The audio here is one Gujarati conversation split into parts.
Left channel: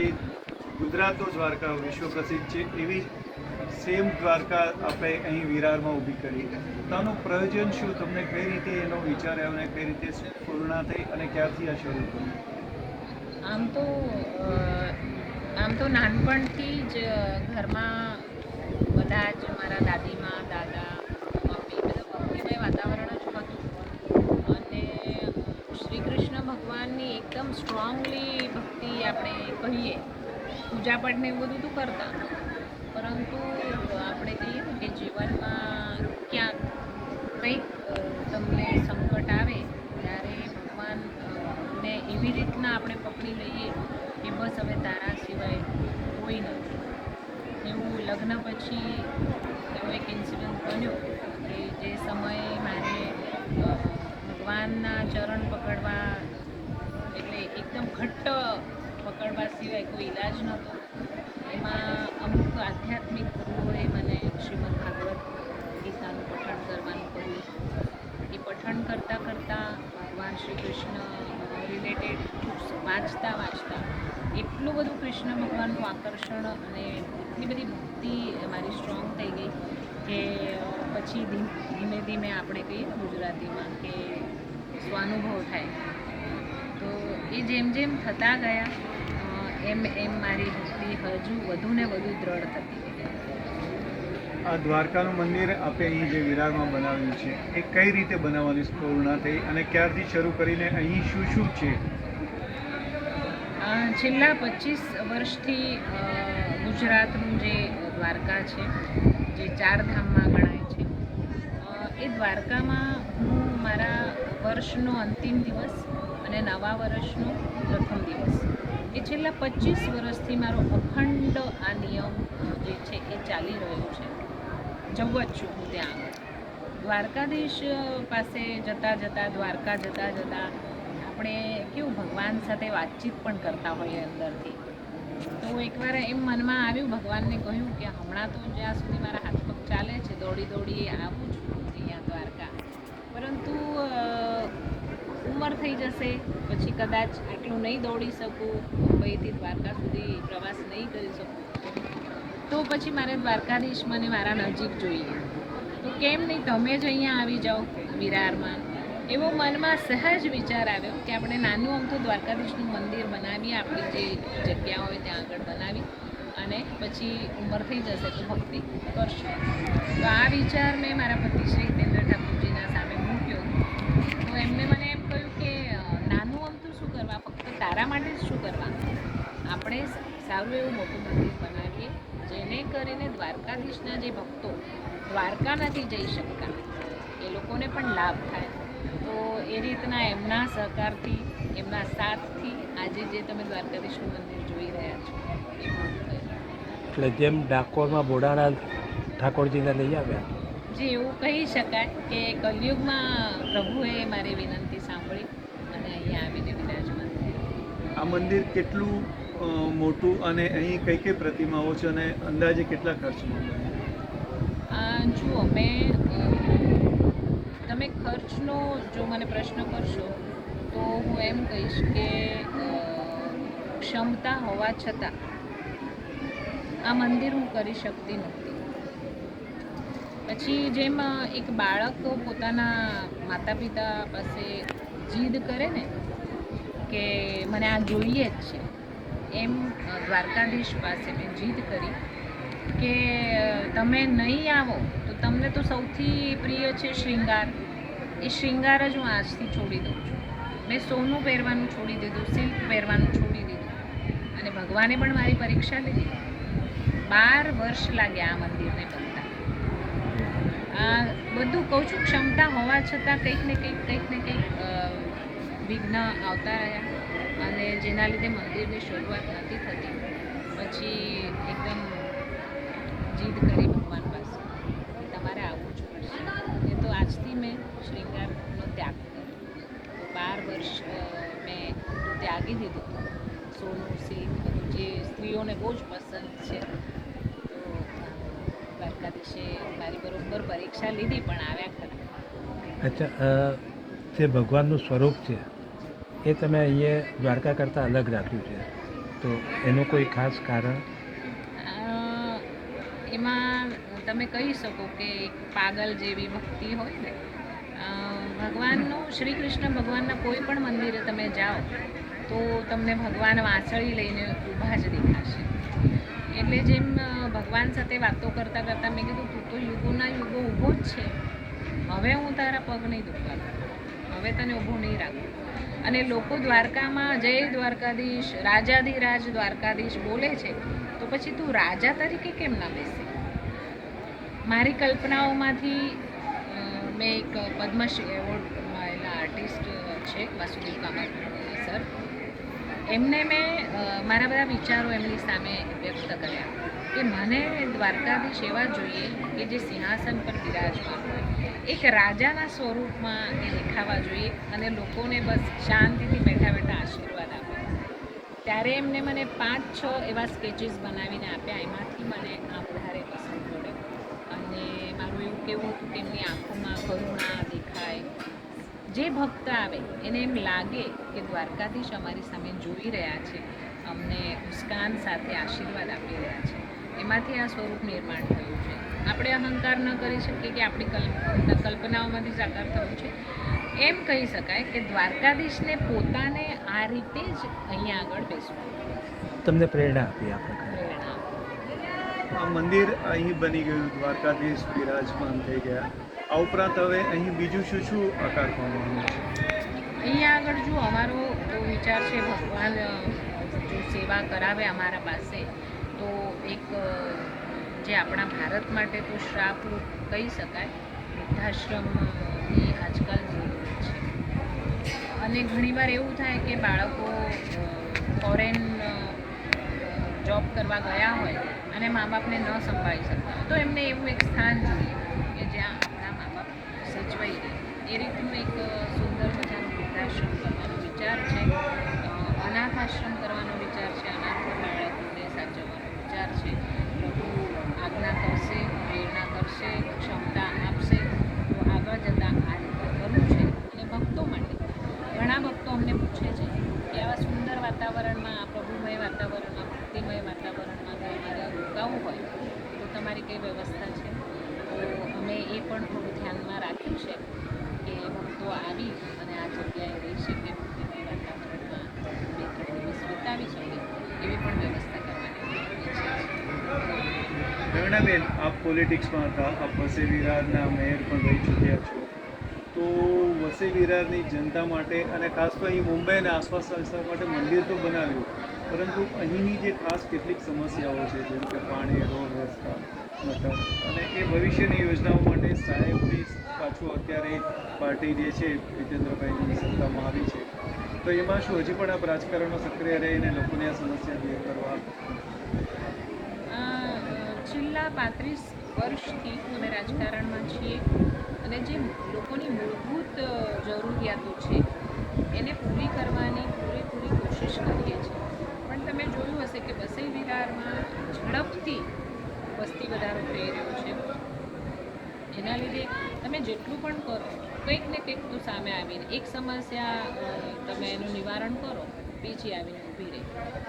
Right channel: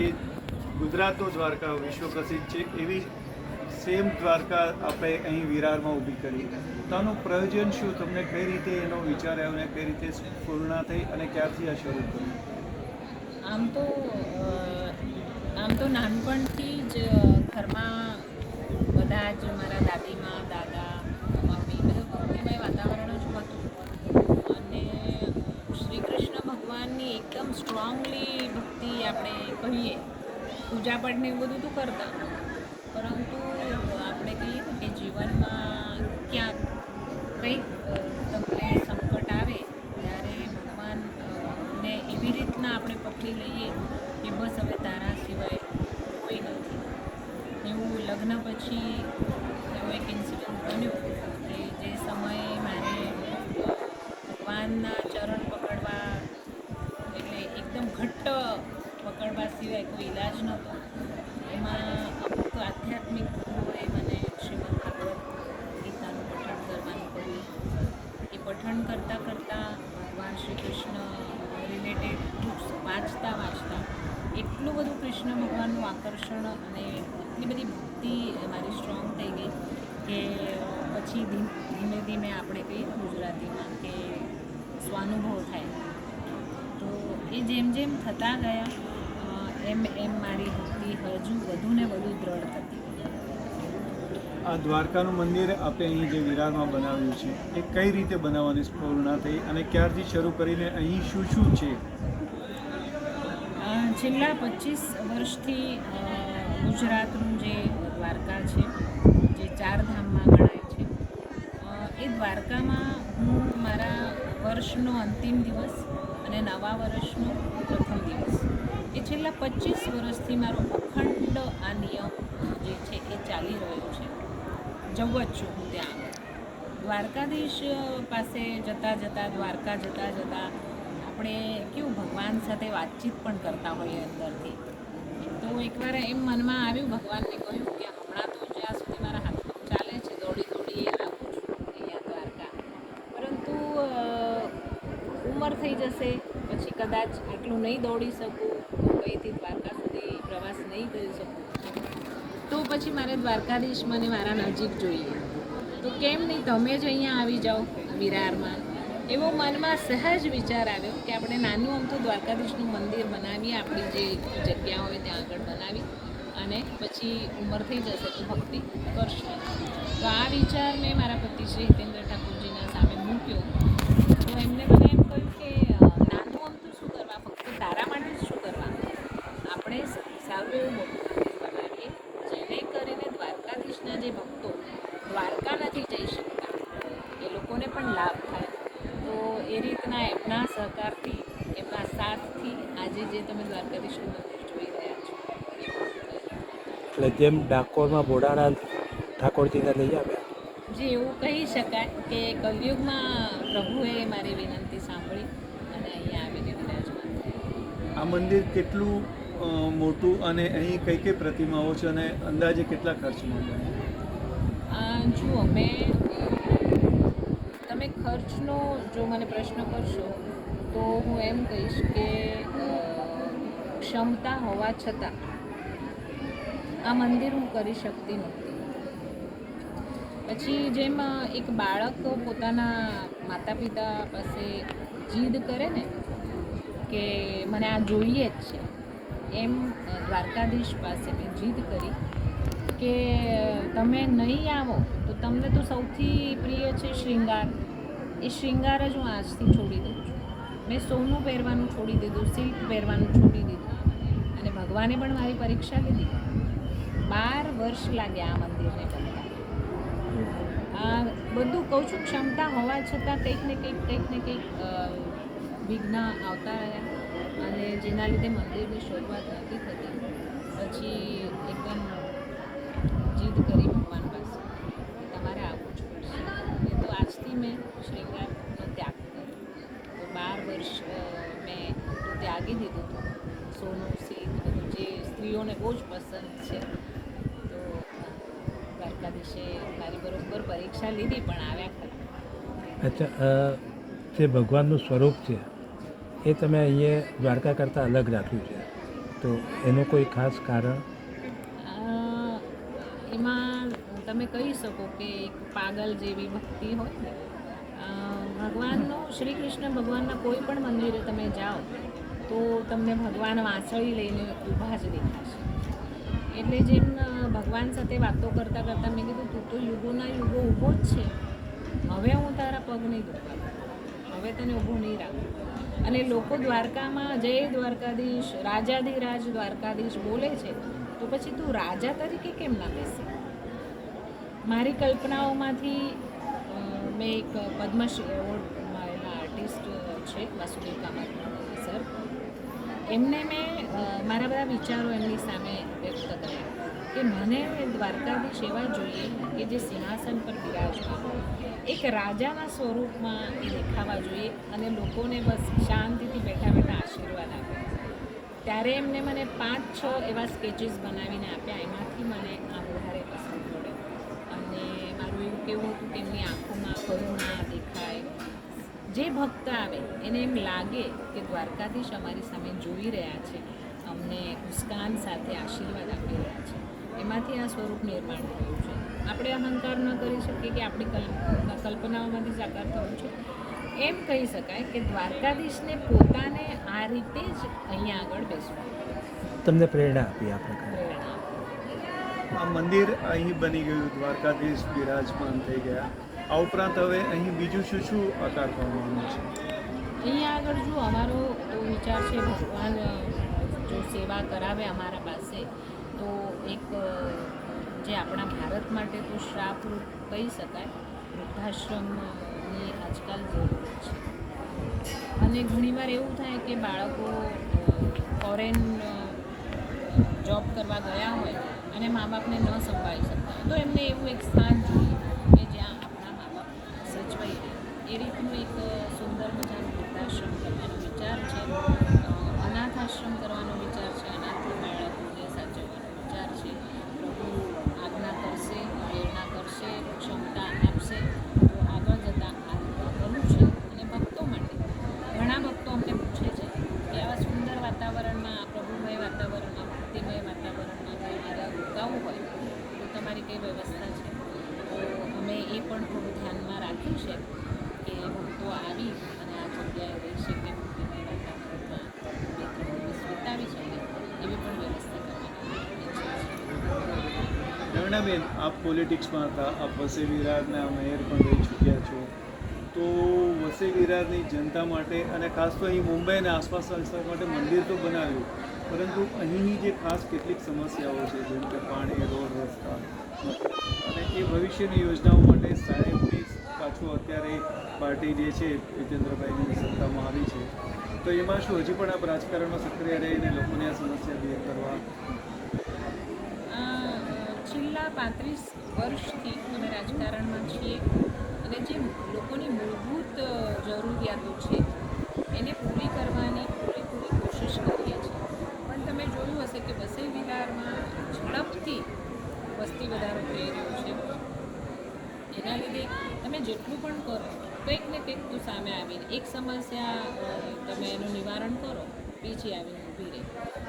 જે ગુજરાતનો દ્વારકા વિશ્વ પ્રસિદ્ધ છે એવી સેમ દ્વારકા આપણે અહીં વિરારમાં ઊભી કરી. તો આનું પ્રયોજન શું? તમને કઈ રીતે એનો વિચાર આવ્યો અને કઈ રીતે પૂર્ણ થઈ અને ક્યારથી આ શરૂ કર્યું? આમ તો નાનપણથી જ ઘરમાં બધા જ મારા દાદીમાં દાદા મમ્મી બધા ભક્તિમય વાતાવરણ જ હતું. અને શ્રી કૃષ્ણ ભગવાનની એકદમ સ્ટ્રોંગલી ભક્તિ આપણે કહીએ, પૂજાપાઠને એવું બધું તો કરતા, પરંતુ આપણે કહીએ કે જીવનમાં ક્યાંક કંઈક તમને સંકટ આવે ત્યારે ભગવાનને એવી રીતના આપણે પકડી લઈએ કે બસ હવે તારા સિવાય કોઈ નથી. એવું લગ્ન પછી એવો એક ઇન્સિડન્ટ બન્યો કે જે સમયે મારે ભગવાનના ચરણ પકડવા એટલે એકદમ ઘટ્ટ પકડવા સિવાય કોઈ ઈલાજ નહોતો. એમાં અમુક આધ્યાત્મિક ગુરુઓએ મને શ્રીમદ ભાગવત ગીતાનું પઠન કરવાનું કહ્યું. એ પઠન કરતાં કરતાં ભગવાન શ્રી કૃષ્ણ રિલેટેડ બુક્સ વાંચતા એટલું બધું કૃષ્ણ ભગવાનનું આકર્ષણ અને એટલી બધી ભક્તિ મારી સ્ટ્રોંગ થઈ ગઈ કે પછી ધીમે ધીમે આપણે કહીએ ગુજરાતીમાં કે સ્વાનુભવ થાય. તો એ જેમ જેમ થતા ગયા એમ મારી ભક્તિ હજુ વધુ ને વધુ દ્રઢ થતી. આ દ્વારકાનું મંદિર આપણે અહીં જે વિરારમાં બનાવ્યું છે એ કઈ રીતે બનાવવાની સ્ફૂર્ણા થઈ અને ક્યારથી શરૂ કરીને અહીં શું શું છે? છેલ્લા 25 વર્ષથી ગુજરાતનું જે દ્વારકા છે, જે ચાર ધામમાં ગણાય છે, એ દ્વારકામાં હું મારા વર્ષનો અંતિમ દિવસ અને નવા વર્ષનો પ્રથમ દિવસ એ છેલ્લા 25 વર્ષથી મારો અખંડ આ નિયમ જે છે એ ચાલી રહ્યો છે. જવું જ છું હું ત્યાં આગળ. દ્વારકાધીશ પાસે દ્વારકા જતાં આપણે કેવું ભગવાન સાથે વાતચીત પણ કરતા હોઈએ અંદરથી. તો એકવાર એમ મનમાં આવ્યું, ભગવાનને કહ્યું કે હમણાં તો જ્યાં સુધી મારા હાથ પગ ચાલે છે દોડી આવું છું અહીંયા દ્વારકા, પરંતુ ઉંમર થઈ જશે પછી કદાચ આટલું નહીં દોડી શકું, મુંબઈથી દ્વારકા સુધી પ્રવાસ નહીં કરી શકું, તો પછી મારે દ્વારકાધીશ મને મારા નજીક જોઈએ. તો કેમ નહીં તમે જ અહીંયા આવી જાઓ વિરારમાં. એવો મનમાં સહજ વિચાર આવ્યો કે આપણે નાનું અમથું દ્વારકાધીશનું મંદિર બનાવીએ, આપણી જે જગ્યા હોય ત્યાં આગળ બનાવી અને પછી ઉંમર થઈ જશે તો ભક્તિ કરશું. તો આ વિચાર મેં મારા પતિ શ્રી હિતેન્દ્ર ઠાકોરજીના સામે મૂક્યો. તો એમને મને એમ કહ્યું કે નાનું અમથું શું કરવા, ફક્ત તારા માટે જ શું કરવા, આપણે સારું એવું મોટું મંદિર બનાવીએ જેને કરીને દ્વારકાધીશના જે ભક્તો દ્વારકા નથી જઈ શકતા એ લોકોને પણ લાભ થાય. તો એ રીતના એમના સહકારથી, એમના સાથથી આજે જે તમે દ્વારકાધીશનું મંદિર જોઈ રહ્યા છો. એટલે જેમ ડાકોરમાં ભોળાનાથ ઠાકોરજીને લઈ આવે, જે એવું કહી શકાય કે કલયુગમાં પ્રભુએ મારી વિનંતી સાંભળી અને અહીંયા આવીને વિરાજમાન થયા. આ મંદિર કેટલું મોટું અને અહીં કઈ કઈ પ્રતિમાઓ છે અને અંદાજે કેટલા ખર્ચમાં બને? જુઓ, તમે ખર્ચનો જો મને પ્રશ્ન કરશો તો હું એમ કહીશ કે ક્ષમતા હોવા છતાં આ મંદિર હું કરી શકતી નહોતી. પછી જેમ એક બાળક પોતાના માતા પિતા પાસે જીદ કરે ને કે મને આ જોઈએ જ છે, એમ દ્વારકાધીશ પાસે મેં જીદ કરી કે તમે નહીં આવો તો તમને તો સૌથી પ્રિય છે શૃંગાર. એ શૃંગાર જ હું આજથી છોડી દઉં છું. મેં સોનું પહેરવાનું છોડી દીધું, સિલ્ક પહેરવાનું છોડી દીધું અને ભગવાને પણ મારી પરીક્ષા લીધી. 12 વર્ષ લાગ્યા આ મંદિરને બનતા. આ બધું કહું છું, ક્ષમતા હોવા છતાં કંઈક ને કંઈક વિઘ્ન આવતા રહ્યા અને જેના લીધે મંદિરની શરૂઆત નથી થતી. પછી એકદમ જીદ કરી ભગવાન પાસે, તમારે આવવું જ પડશે. એ તો આજથી મેં શ્રીંગારનો ત્યાગ કર્યો. તો 12 વર્ષ મેં ત્યાગી દીધું હતું. સોનું, સિલ્ક જે સ્ત્રીઓને બહુ જ પસંદ છે. તો દ્વારકાધીશે મારી બરોબર પરીક્ષા લીધી પણ આવ્યા ખરા. અચ્છા, જે ભગવાનનું સ્વરૂપ છે એ તમે અહીંયા દ્વારકા કરતાં અલગ રાખ્યું છે. તો એનું કોઈ ખાસ કારણ? એમાં તમે કહી શકો કે એક પાગલ જેવી ભક્તિ હોય ને. ભગવાનનું શ્રી કૃષ્ણ ભગવાનના કોઈ પણ મંદિરે તમે જાઓ તો તમને ભગવાન વાંસળી લઈને ઊભા જ દેખાશે. એટલે જેમ ભગવાન સાથે વાતો કરતાં કરતાં મેં કીધું તું તો યુગોના યુગો ઊભો જ છે, હવે હું તારા પગ નહીં દુખવા દઉં, હવે તને ઊભો નહીં રાખું. અને લોકો દ્વારકામાં જય દ્વારકાધીશ, રાજાધિરાજ દ્વારકાધીશ બોલે છે, તો પછી તું રાજા તરીકે કેમ ના બેસે? મારી કલ્પનાઓમાંથી મેં એક પદ્મશ્રી એવોર્ડ મળેલા આર્ટિસ્ટ છે વાસુદેવ કામત સર, એમને મેં મારા બધા વિચારો એમની સામે વ્યક્ત કર્યા કે મને દ્વારકાધીશ એવા જોઈએ કે જે સિંહાસન પર બિરાજમાન હોય, એક રાજાના સ્વરૂપમાં એ દેખાવા જોઈએ અને લોકોને બસ શાંતિથી બેઠા બેઠા આશીર્વાદ આપે. ત્યારે એમને મને 5-6 એવા સ્કેચીસ બનાવીને આપ્યા. એમાંથી મને આ વધારે પસંદ પડ્યો અને મારું એવું કહેવું હતું કે એમની આંખોમાં કરુણા દેખાય. જે ભક્ત આવે એને એમ લાગે કે દ્વારકાધીશ અમારી સામે જોઈ રહ્યા છે, અમને મુસ્કાન સાથે આશીર્વાદ આપી રહ્યા છે. એમાંથી આ સ્વરૂપ નિર્માણ થયું છે. આપણે અહંકાર ન કરી શકીએ કે આપણી કલ્પનાઓમાંથી સાકાર થયું છે. એમ કહી શકાય કે દ્વારકાધીશને પોતાને આ રીતે જ અહીંયા આગળ બેસવું. તમને પ્રેરણા આપી આપણે? આ મંદિર અહીં બની ગયું, દ્વારકાધીશ બિરાજમાન થઈ ગયા. આ ઉપરાંત હવે અહીં બીજું શું શું આકાર પામવાનું છે? અહીંયા આગળ જો અમારો તો વિચાર છે ભગવાન જો સેવા કરાવે અમારા પાસે તો એક જે આપણા ભારત માટે તો શ્રાપરૂપ કહી શકાય, વૃદ્ધાશ્રમની આજકાલ જરૂર છે. અને ઘણીવાર એવું થાય કે બાળકો ફોરેન જોબ કરવા ગયા હોય અને મા બાપને ન સંભાળી શકતા, તો એમને એવું એક સ્થાન જોઈએ કે જ્યાં આપણા મા બાપ સચવાઈ રહે. એ રીતનું એક સુંદર મજાનું વૃદ્ધાશ્રમ કરવાનો વિચાર છે, અનાથ આશ્રમ કરવાનો વિચાર છે, અનાથ બાળકોને સાચવવાનો વિચાર છે. પ્રભુ આજ્ઞા કરશે, પ્રેરણા કરશે, ક્ષમતા આપશે તો આગળ જતાં આ રીતે કરવું છે. અને ભક્તો માટે ઘણા ભક્તો અમને પૂછે છે કે આવા સુંદર વાતાવરણમાં, આ પ્રભુમય વાતાવરણમાં, ભક્તિમય વાતાવરણમાં જો અમારે રોકાવું હોય તો તમારી કઈ વ્યવસ્થા છે? તો અમે એ પણ થોડું ધ્યાનમાં રાખ્યું છે કે ભક્તો આવી અને આ જગ્યાએ રહી શકે, ભક્તિમય વાતાવરણમાં વિતાવી શકે એવી પણ વ્યવસ્થા કરવાની. પ્રેરણાબેન, આપ પોલિટિક્સમાં હતા, આપ વસઈ વિરારના મેયર પણ રહી ચૂક્યા છો, તો વસઈ વિરારની જનતા માટે અને ખાસ તો અહીં મુંબઈ અને આસપાસના વિસ્તાર માટે મંદિર તો બનાવ્યું, પરંતુ અહીંની જે ખાસ કેટલીક સમસ્યાઓ છે, જેમ કે પાણી, રોડ, રસ્તા, મકાન અને એ ભવિષ્યની યોજનાઓ માટે સાહેબની પાછું અત્યારે પાર્ટી જે છે જીતેન્દ્રભાઈની સત્તામાં આવી છે, તો એમાં શું હજી પણ આપ રાજકારણમાં સક્રિય રહીને લોકોને આ સમસ્યા દૂર કરવા? છેલ્લા 35 વર્ષથી અમે રાજકારણમાં છીએ અને જે લોકોની મૂળભૂત જરૂરિયાતો છે એને પૂરી કરવાની પૂરેપૂરી કોશિશ કરીએ છીએ. પણ તમે જોયું હશે કે વસઈ વિરારમાં ઝડપથી વસ્તી વધારો થઈ રહ્યો છે. એના લીધે તમે જેટલું પણ કરો કંઈક ને કંઈક તો સામે આવીને એક સમસ્યા તમે એનું નિવારણ કરો, બીજી આવીને ઊભી રહે.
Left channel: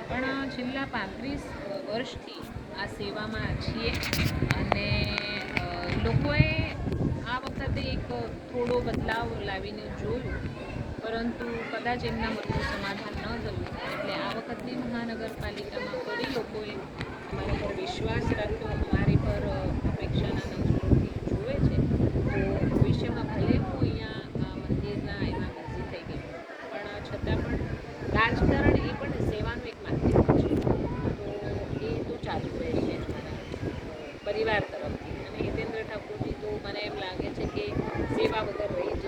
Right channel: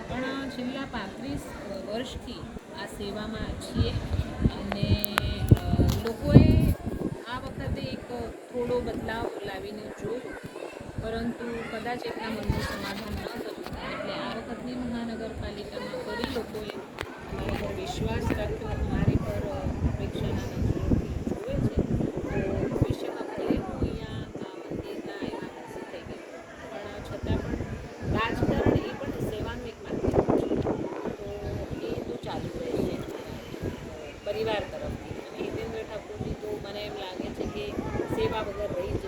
પણ છેલ્લા 35 વર્ષથી આ સેવામાં છીએ અને લોકોએ આ વખતે એક થોડો બદલાવ લાવીને જોયું, પરંતુ કદાચ એમના મનનું સમાધાન ન થયું. એટલે આ વખતની મહાનગરપાલિકામાં ફરી લોકોએ મારા પર વિશ્વાસ રાખ્યો, મારી પર અપેક્ષાના નજરોથી જોવે છે. તો ભવિષ્યમાં ભલે હું અહીંયા આ મંદિરના એમાં નજીક થઈ ગઈ, પણ છતાં પણ રાજકારણ એ પણ સેવાનું એક માધ્યમ છે, તો એ તો ચાલુ રહેશે પરિવાર તરફથી. જીતેન્દ્ર ઠાકોરજી તો મને એમ લાગે છે કે સેવા વગર રહી જ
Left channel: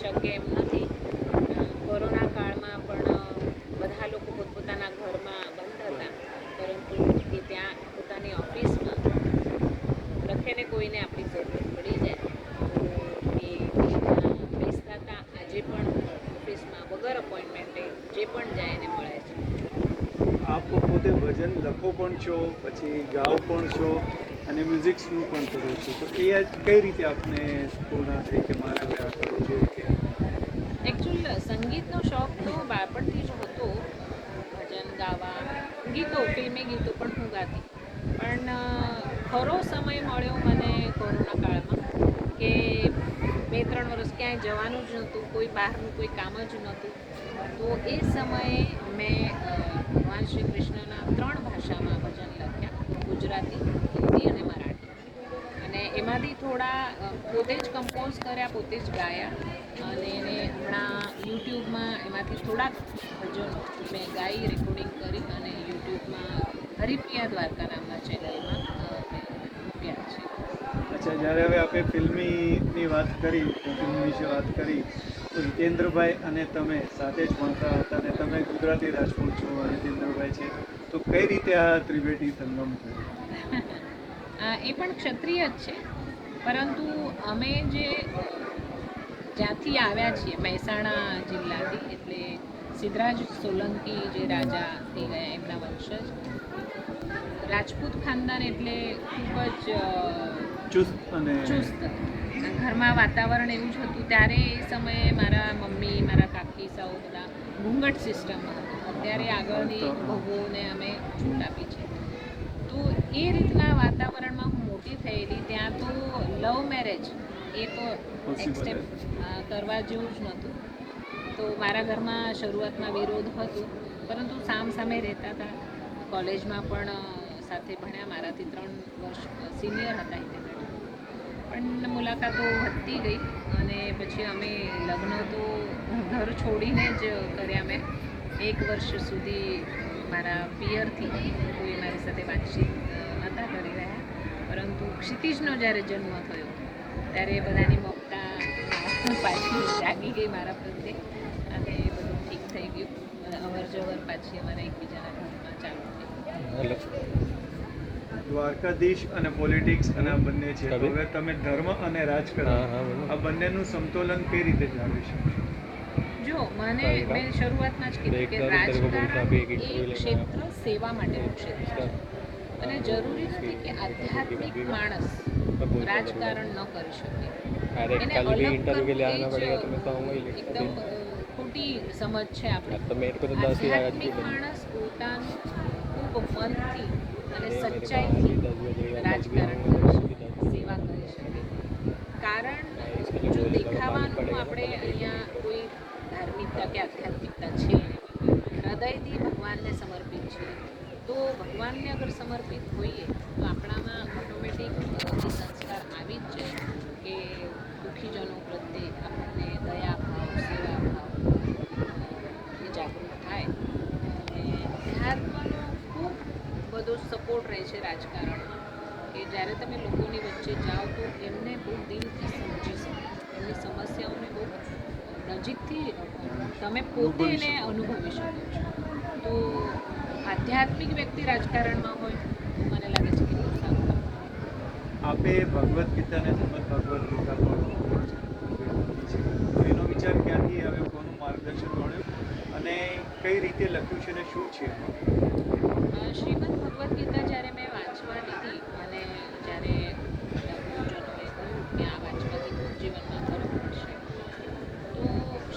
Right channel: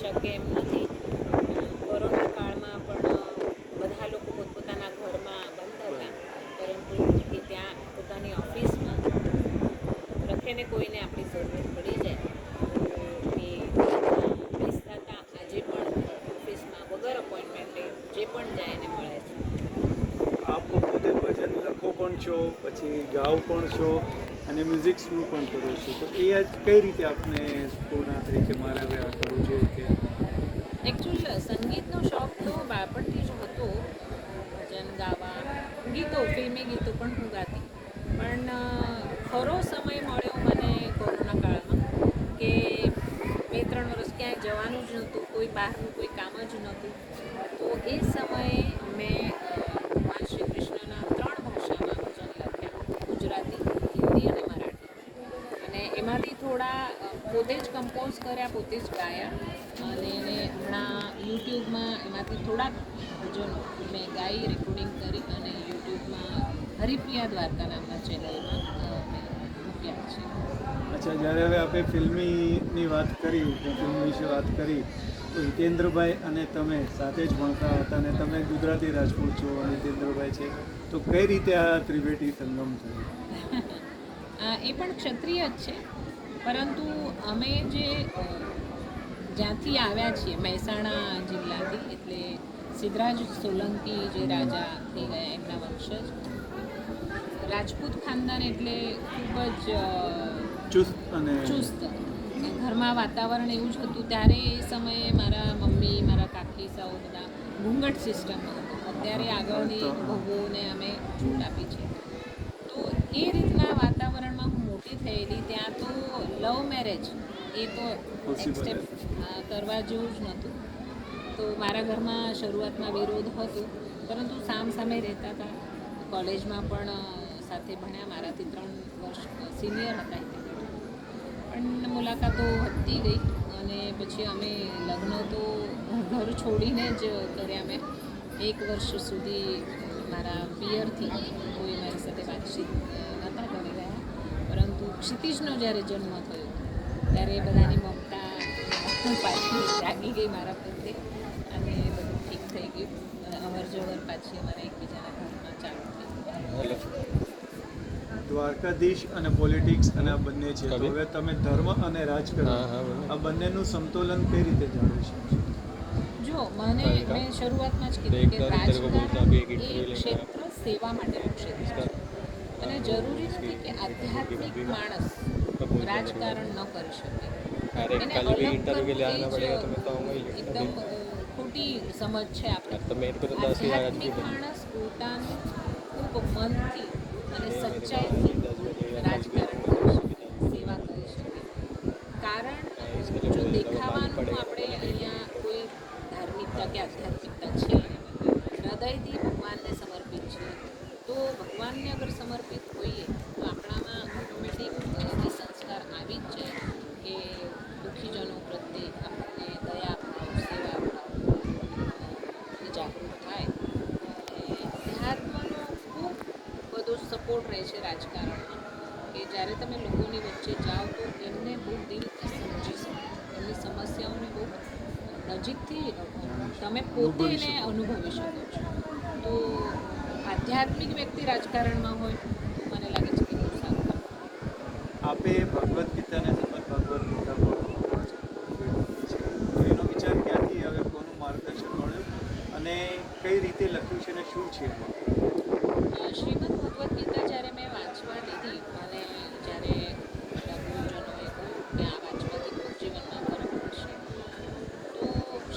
શકે એમ નથી. કોરોના કાળમાં પણ બધા લોકો પોતપોતાના ઘરમાં બંધ હતા, પરંતુ એ ત્યાં પોતાની ઓફિસમાં લખેને કોઈને આપણી જરૂરત પડી જાય તો એ બેસતા હતા. આજે પણ ઓફિસમાં વગર અપોઇન્ટમેન્ટે જે પણ જાય એને મળે છે. આપ પોતે ભજન લખો પણ છો, પછી ગાઓ પણ છો અને મ્યુઝિક્સનું પણ કરો છો, તો એ આજ કઈ રીતે આપને પૂર્ણ થઈ કે મારે હવે આ કરવું જોઈએ? કે એકચ્યુઅલ સંગીતનો શોખ તો બાળપણથી જ હતો, ભજન ગાવા, ગીતો, ફિલ્મી ગીતો પણ હું ગાતી. પણ ખરો સમય મળ્યો મને કોરોના કાળમાં કે 2-3 વર્ષ ક્યાંય જવાનું જ નહોતું, કોઈ બહારનું કોઈ કામ જ નહોતું. તો એ સમયે મેં ભગવાન શ્રી કૃષ્ણના 3 ભાષામાં ભજન લખ્યા, ગુજરાતી, હિન્દી અને મરાઠી. અને એમાંથી થોડા પોતે જ કમ્પોઝ કર્યા, પોતે જ ગાયા. અને એને હમણાં યુટ્યુબમાં એમાંથી થોડાક ભજનો મેં ગાઈ, રેકોર્ડિંગ કરી અને યુટ્યુબમાં હરિપ્રિયા દ્વારકા નામના ચેનલમાં મેં મૂક્યા છે. અચ્છા, જ્યારે હવે આપણે ફિલ્મીની વાત કરી, ફિલ્મ વિશે વાત કરી, તો હિતેન્દ્રભાઈ અને તમે સાથે જ ભણતા હતા અને તમે ગુજરાતી રાજપૂત છો અને હિતેન્દ્રભાઈ છે, તો કઈ રીતે આ ત્રિવેદી સંગમ થયો? એ પણ ક્ષત્રિય જ છે, પરંતુ અમે જ્યાંથી આવ્યા છીએ મહેસાણા જિલ્લાથી, એટલે સિદ્ધરાજ સોલંકી જે રાજા થઈ ગયા એમના વંશજ. રાજપૂત ખાનદાન એટલે ખૂબ જ ચુસ્ત અને ચુસ્ત. ઘરમાં વાતાવરણ એવું જ હતું. ત્યારે એ સમયે મારા મમ્મી, મારા કાકી સૌ બધા ઘૂંઘટ સિસ્ટમ હતું. અત્યારે આગળની બહુઓને અમે છૂટ આપી છે. તો એ રીતના વાતાવરણમાં હું મોટી થયેલી. ત્યાં તો લવ મેરેજ એ તો એક્સેપ્ટ કરવા જેવું જ નહોતું. તો મારા ઘરમાં શરૂઆતમાં વિરોધ હતો, પરંતુ સામે રહેતા હતા. કોલેજમાં પણ સાથે ભણ્યા, મારાથી 3 વર્ષ સિનિયર હતા. પણ મુલાકાતો વધતી ગઈ અને પછી અમે લગ્ન તો ઘર છોડીને જ કર્યા. મેં 1 વર્ષ સુધી મારા પિયરથી કોઈ મારી સાથે વાતચીત નહોતા કરી રહ્યા. પરંતુ ક્ષિતિજનો જ્યારે જન્મ થયો ત્યારે બધાની મમતા પાછી જાગી ગઈ મારા પ્રત્યે અને બધું ઠીક થઈ ગયું. અવર જવર પાછી અમારા એકબીજાના ઘરમાં ચાલુ થઈ ગઈ. દ્વારકાધીશ અને પોલિટિક્સ અને આ બંને છે, તો હવે તમે ધર્મ અને રાજકારણ આ બંનેનું સમતોલન કઈ રીતે જાળવી શકશો? જો મેં શરૂઆતમાં જ કીધું કે રાજકારણ એ ક્ષેત્ર સેવા માટેનું ક્ષેત્ર છે અને જરૂરી નથી કે આધ્યાત્મિક માણસ રાજકારણ ન કરી શકે. એને અલગ એકદમ ખોટી સમજ છે આપણે. આધ્યાત્મિક માણસ પોતાનું ખૂબ મનથી અને સચ્ચાઈથી રાજકારણ કરી શકે, સેવા કરી શકે. કારણ જો દેખાવાનું આપણે અહીંયા કોઈ ધાર્મિકતા કે આધ્યાત્મિકતા છે નહીં, હૃદયથી ભગવાનને સમર્પિત છે. તો ભગવાનને અગર સમર્પિત હોઈએ તો આપણામાં ઓટોમેટિક સંસ્કાર આવી જ જાય કે દુઃખીજનો પ્રત્યે આપણને દયા ભાવ, સેવા ભાવ જાગૃત થાય. અને અધ્યાત્મનો ખૂબ બધો સપોર્ટ રહે છે રાજકારણમાં કે જ્યારે તમે લોકોની વચ્ચે જાઓ તો એમને બહુ દિલથી સમજી શકો, એમની સમસ્યાઓને બહુ નજીકથી તમે પોતે એને અનુભવી શકો છો. તો આધ્યાત્મિક વ્યક્તિ રાજકારણમાં હોય તો મને લાગે છે કે બહુ સારું. આપે ભગવદ્ ગીતાને શ્રીમદ ભગવદ્ ગીતા પર તો એનો વિચાર ક્યાંથી આવે, કોનું માર્ગદર્શન મળ્યું અને કઈ રીતે લખ્યું છે અને શું છે? શ્રીમદ ભગવદ્ ગીતા જ્યારે મેં વાંચવા લીધી, મને જ્યારે ગુરુજનોએ કહ્યું કે આ વાંચવાથી ખૂબ જીવનમાં ફરક પડશે, તો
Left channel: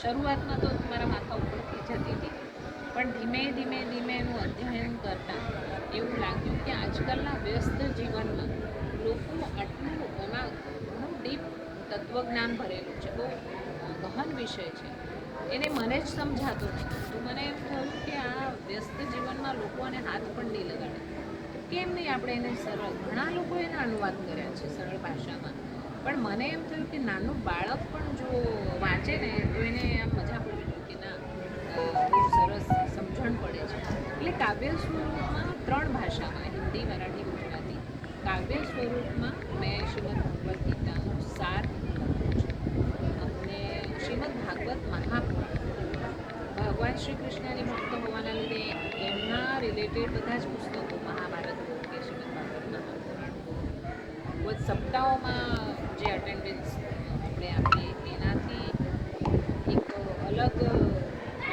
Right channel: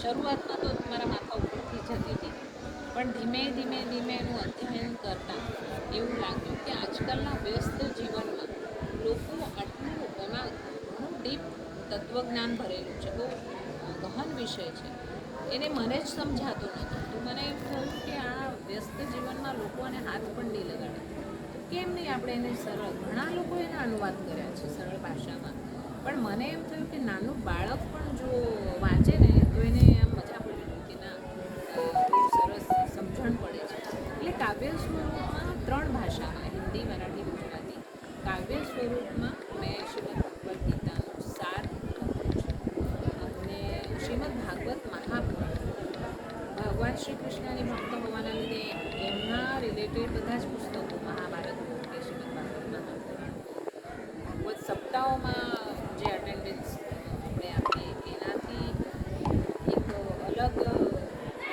શરૂઆતમાં તો મારા માથા ઉપરથી જતી હતી. પણ ધીમે ધીમે એનું અધ્યયન કરતાં એવું લાગ્યું કે આજકાલના વ્યસ્ત જીવનમાં લોકો આટલું એમાં ઘણું ડીપ તત્વજ્ઞાન ભરેલું છે, બહુ ગહન વિષય છે. એને મને જ સમજાતું નહોતું. તો મને એમ થયું કે આ વ્યસ્ત જીવનમાં લોકો આને હાથ પણ નહીં લગાડે, તો કેમ નહીં આપણે એને સરળ, ઘણા લોકો એને અનુવાદ કર્યા છે સરળ ભાષામાં, પણ મને એમ થયું કે નાનું બાળક પણ જો વાંચે ને તો એને આમ મજા પડી કે ના બહુ સરસ સમજણ પડે છે. એટલે કાવ્ય સ્વરૂપમાં 3 ભાષામાં, હિન્દી, મરાઠી, ગુજરાતી, કાવ્ય સ્વરૂપમાં મેં શ્રીમદ ભગવદ્ ગીતાનો સાર લખ્યો છે. અને શ્રીમદ ભાગવત મહાપુરાણ, ભગવાન શ્રી કૃષ્ણની ભક્ત હોવાના લીધે એમના રિલેટેડ બધા જ પુસ્તકો, મહાભારત કે શ્રીમદ ભાગવત મહાપુરાણ, ભાગવત સપ્તાહોમાં જે અટેન્ડન્સ આપણે આપીએ તેનાથી એક અલગ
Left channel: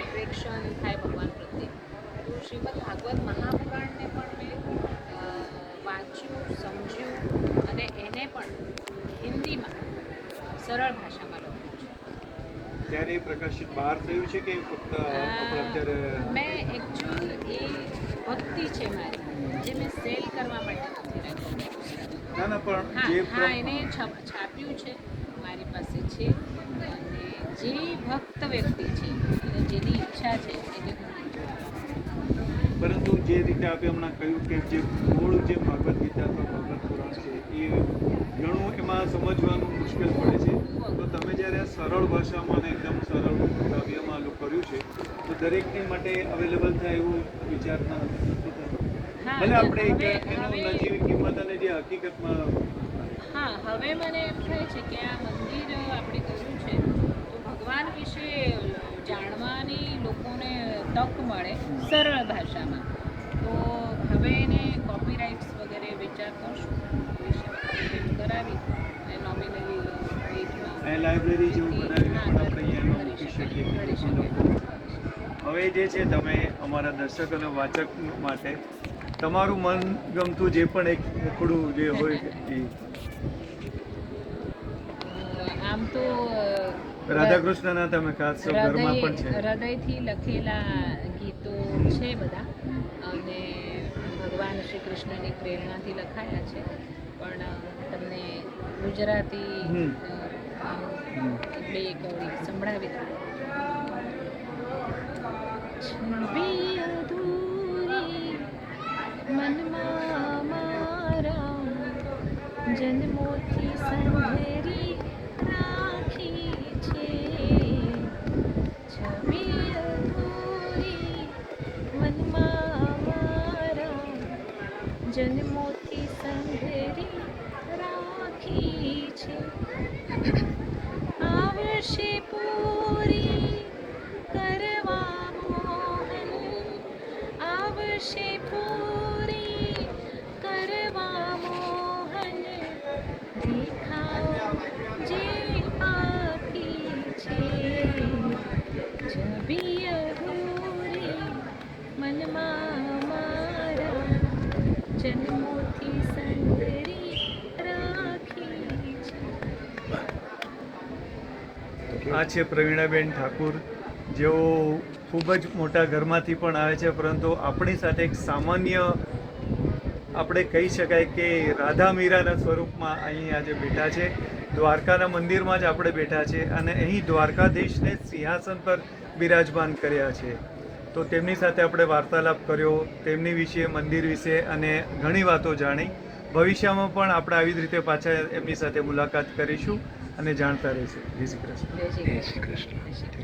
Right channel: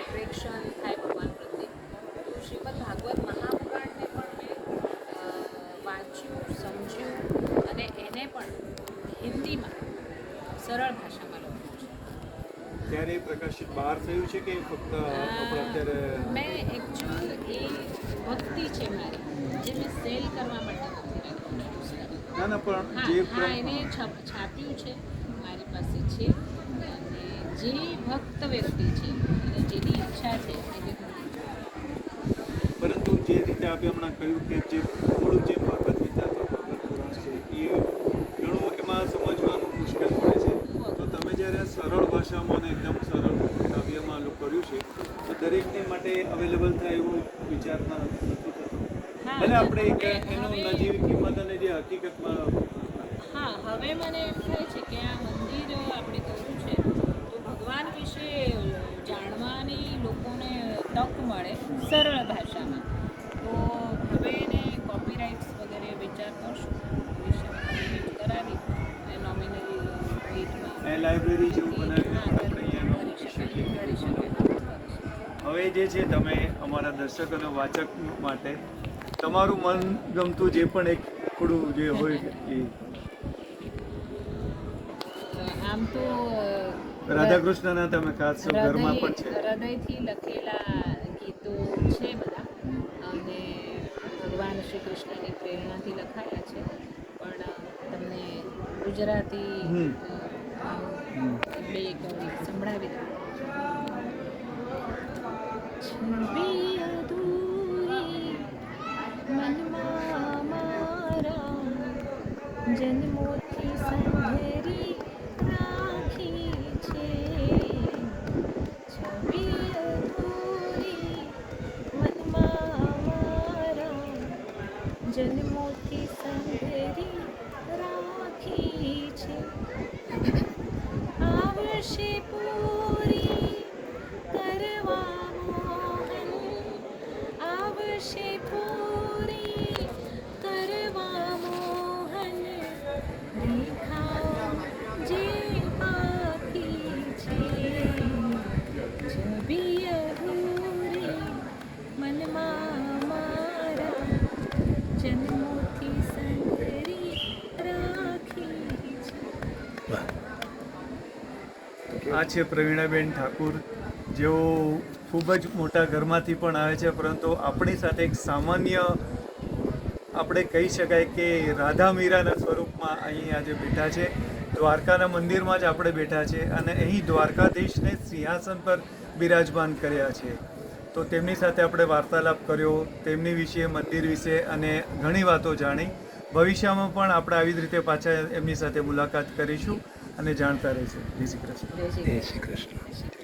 એટ્રેક્શન થાય ભગવાન પ્રત્યે. તો શ્રીમદ ભાગવત મહાપુરાણને પણ મેં વાંચ્યું, સમજ્યું અને એને પણ હિન્દીમાં સરળ ભાષામાં લખ્યું છે. ત્યારે એ પ્રકાશિત બહાર થયું છે કે ફક્ત આપણે અત્યારે? મેં એકચ્યુઅલ એ સેલ કરવા માટે નથી રાખ્યું. ના ના પણ હા જે હા એને છાપ્યું છે, મારી પાસે છે. અને જે ભક્ત વ્યક્તિ છે અને જેની ઈચ્છા છે એને હું લઈ જાઉં. પરંતુ જે રીતે આપે હમણાં કહ્યું કે જે મૂળ જે ભગવદ્ ગીતા અથવા ભગવદ્ પુરાણ છે એ ઘણું એમાં સમજવાનું મુશ્કેલ પડે છે. તો તમે જ્યારે સરળ ભાષામાં અને એકદમ સરળ કાવ્યમાં કર્યું છે તો દરેકને માટે અવેલેબલ થાય એવું વિચારમાં નથી થતો. હા, ભલે આપણે એક હવે- એનો હવે- નજીવી કિંમત અને જે હકીકતમાં હા, હવે મને એમ થાય છે કે આ મંદિર આપણે કર્યું છે તો ભગવાન વિશે જાણવાની લોકોને તક મળે સરળ ભાષામાં. તો હવે એને કોપીરાઇટ્સ વગેરે વિચાર કરશું, કરાવી અને નોમિનલી એ લાઇબ્રેરી જેવું બનાવીને પણ આપણે અહીંયા મૂકી શકીએ કે જેથી લોકો હવે જે છે તમે અમારા દર્શક અને વાચક માટે તમારું મન ગમતું જે પણ એક ટુકડું જે હોય એ આમ તો રાધાકૃષ્ણના તમે ખાસ ઘરમાં પણ છે. હૃદયથી લખેલા ગીતો છે બધા, અને ભગવાન શ્રી કૃષ્ણની પ્રેરણાથી લખાયા છે. પણ તમને ગુજરાતી બે સંભળાવી દઉં. છબી અધૂરી મનમાં મારા જન્મોથી સંઘરી રાખી છે. છબી અધૂરી મનમાં મારા જન્મોથી સંઘરી રાખી છે. આવશે પૂરી કરવા મોહન, આવશે પૂરી કરવા મોહન, રેખા જે આખી છે. છબી અધૂરી મનમાં મારા જન્મોથી સંઘરી રાખી છે. આ છે પ્રવીણાબેન ઠાકુર, જેઓ ખૂબ જ મોટા ઘરમાંથી પણ આવે છે, પરંતુ આપણી સાથે એક સામાન્ય આપણે કહી શકાય કે રાધા મીરાના સ્વરૂપમાં અહીં આજે બેઠા છે. દ્વારકાના મંદિરમાં જ આપણે બેઠા છે અને અહીં દ્વારકાધીશને સિંહાસન પર બિરાજમાન કર્યા છે. તો તેમની સાથે આપણે વાર્તાલાપ કર્યો, તેમની વિશે, મંદિર વિશે અને ઘણી વાતો જાણી. ભવિષ્યમાં પણ આપણે આવી જ રીતે પાછા એમની સાથે મુલાકાત કરીશું અને જાણતા રહીશું. જય શ્રી કૃષ્ણ. જય શ્રી કૃષ્ણ.